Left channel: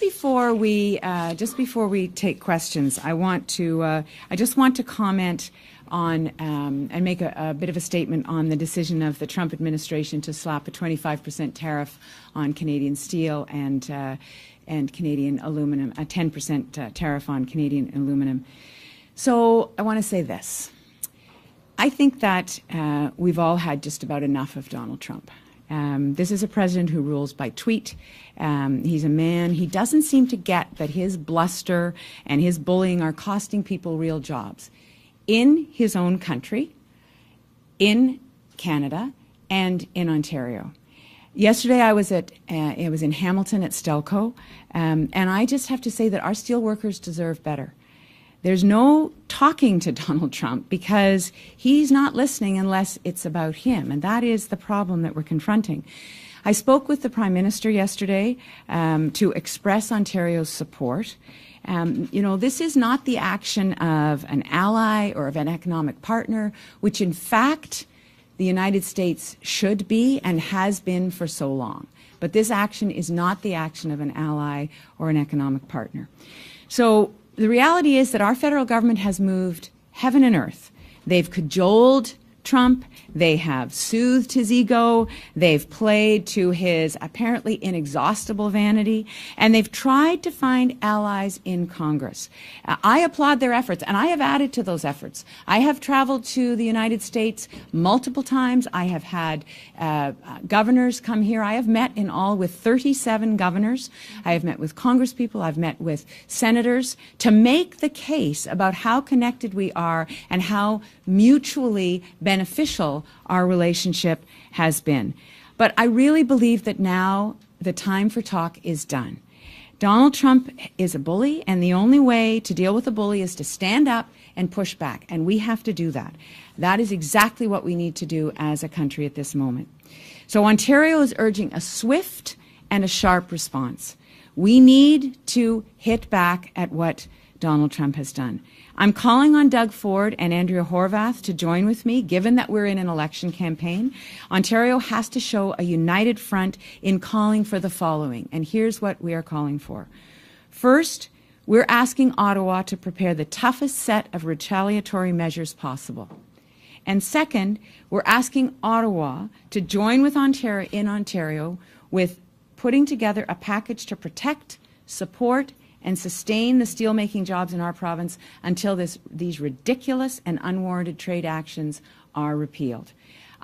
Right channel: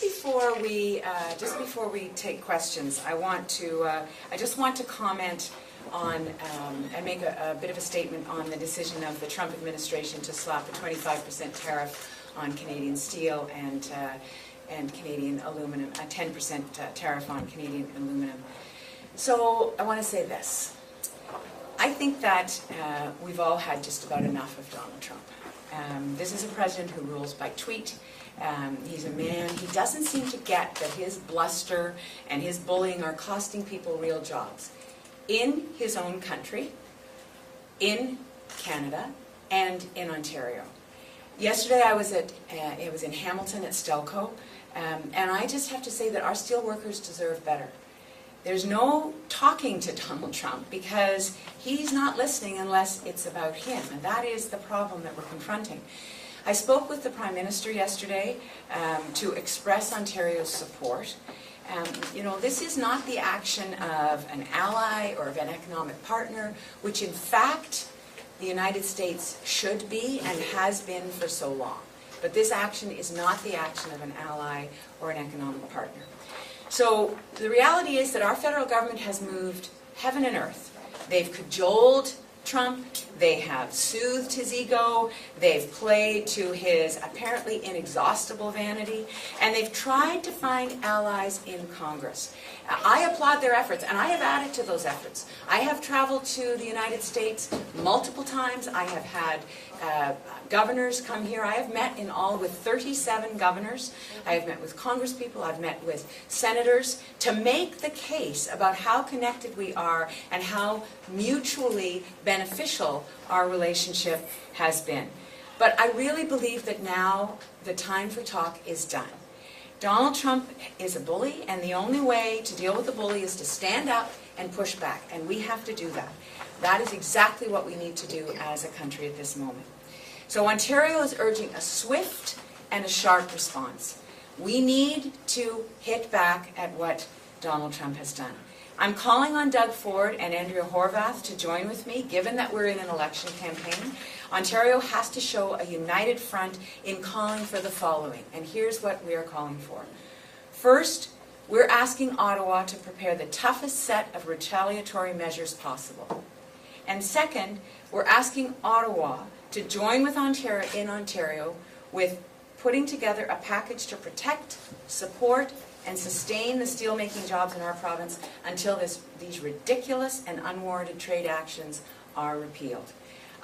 Just before we take questions, I just want to comment on and make a bit of a statement on the decision of the Trump administration to slap a 25% tariff on Canadian steel and Canadian aluminum, a 10% tariff on Canadian aluminum. So I want to say this. I think that we've all had just about enough of Donald Trump. This is a president who rules by tweet. He's a man, he doesn't seem to get that his bluster and his bullying are costing people real jobs in his own country, in Canada, and in Ontario. Yesterday I was in Hamilton at Stelco, and I just have to say that our steel workers deserve better. There's no talking to Donald Trump because he's not listening unless it's about him, and that is the problem that we're confronting. I spoke with the Prime Minister yesterday to express Ontario's support. You know, this is not the action of an ally or of an economic partner, which in fact the United States should be and has been for so long. But this action is not the action of an ally or an economic partner. So the reality is that our federal government has moved heaven and earth. They've cajoled Trump, they have soothed his ego, they've played to his apparently inexhaustible vanity, and they've tried to find allies in Congress. I applaud their efforts, and I have added to those efforts. I have traveled to the United States multiple times. I have had governors come here. I have met in all with 37 governors. I have met with congresspeople. I've met with senators to make the case about how connected we are and how mutually beneficial our relationship has been. But I really believe that now the time for talk is done. Donald Trump is a bully, and the only way to deal with a bully is to stand up and push back, and we have to do that. That is exactly what we need to do as a country at this moment. So Ontario is urging a swift and a sharp response. We need to hit back at what Donald Trump has done. I'm calling on Doug Ford and Andrea Horwath to join with me, given that we're in an election campaign. Ontario has to show a united front in calling for the following, and here's what we are calling for. First, we're asking Ottawa to prepare the toughest set of retaliatory measures possible. And second, we're asking Ottawa to join with Ontario with putting together a package to protect, support, and sustain the steelmaking jobs in our province until these ridiculous and unwarranted trade actions are repealed.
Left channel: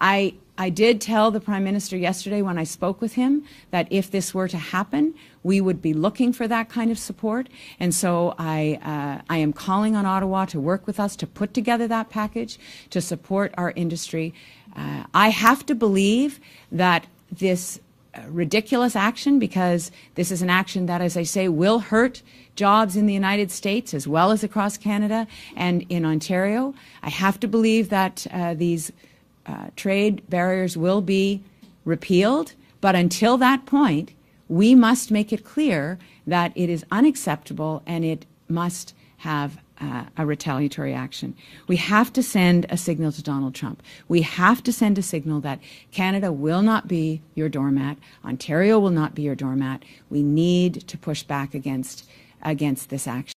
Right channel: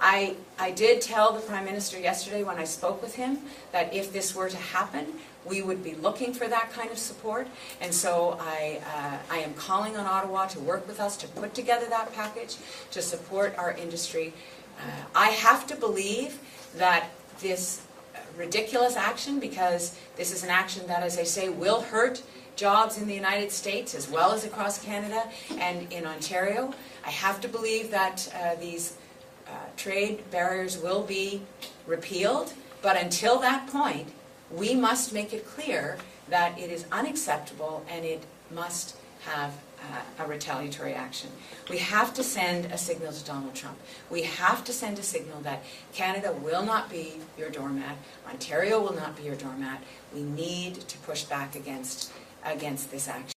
I did tell the Prime Minister yesterday when I spoke with him that if this were to happen, we would be looking for that kind of support. And so I am calling on Ottawa to work with us to put together that package to support our industry. I have to believe that this ridiculous action, because this is an action that, as I say, will hurt jobs in the United States as well as across Canada and in Ontario. I have to believe that these trade barriers will be repealed, but until that point, we must make it clear that it is unacceptable and it must have a retaliatory action. We have to send a signal to Donald Trump. We have to send a signal that Canada will not be your doormat. Ontario will not be your doormat. We need to push back against this action.